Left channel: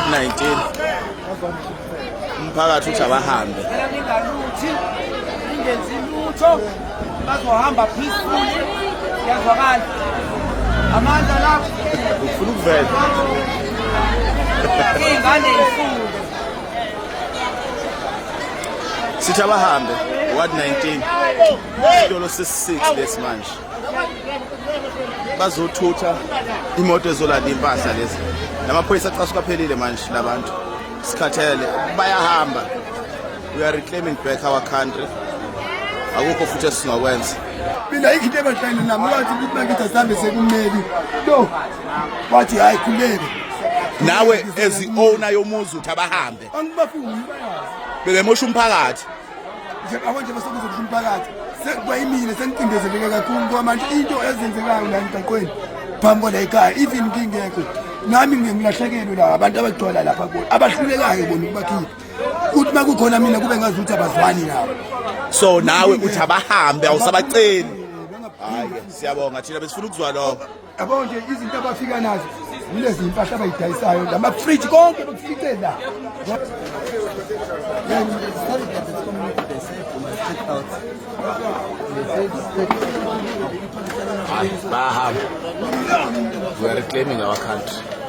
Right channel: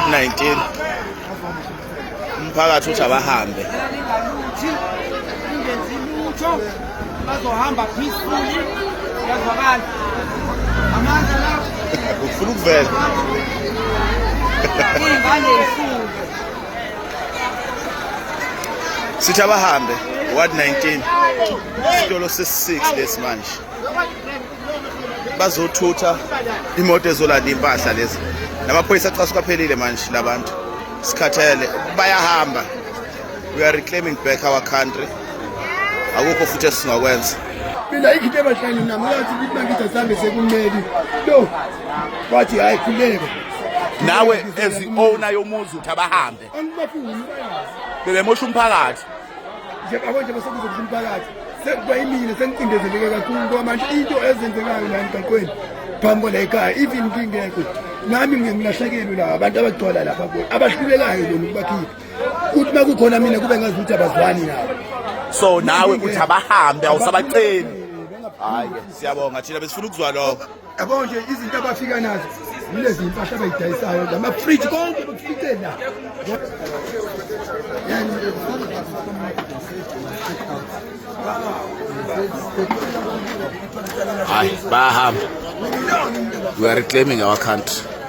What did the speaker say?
Ward 19 umphakathi uthi abahambe bazohamba peacefully yazwakala amandla la ufuna ukuvela ingane ifunde sithi abahambe Ward 19 isitolo sesi-6 lesi manje bazothutha imoto ezolanda impahla lezi namaphoyisa acasuka phelile manje labantu sikhathele bayahamba. We are reclaiming back our country. Akukho futhi esingakwenza. Mina into ebahlani nami wathi ukuthi ngithi asambe sekumeli lo wathi hayi khuleke Nawe as owner yomuzi uthi abahambe angibafuni bekemosha umphakathi nje abantu basokuza kumphakathi sekuyimina sengicindezeleke kakhulu ngoba manje into ezenzekayo la emgaqweni phambi kwala ekhaya even ngingekho nami ngilahlekelwe la abantu abagcola lapha kubo abahlulekayo bona ukubakhipha kuthi makukhona mina kube ngazuthi abazwani nabo so nawe uthi abahambe awusabaceli. Hayi siyabonga thina besifuna ukuzwa lokho. Yabo nje izinto abafika nazo yilezi impahla abayidayisayo lama fridge konke kufike la Hayi bahamba. We are reclaiming our country.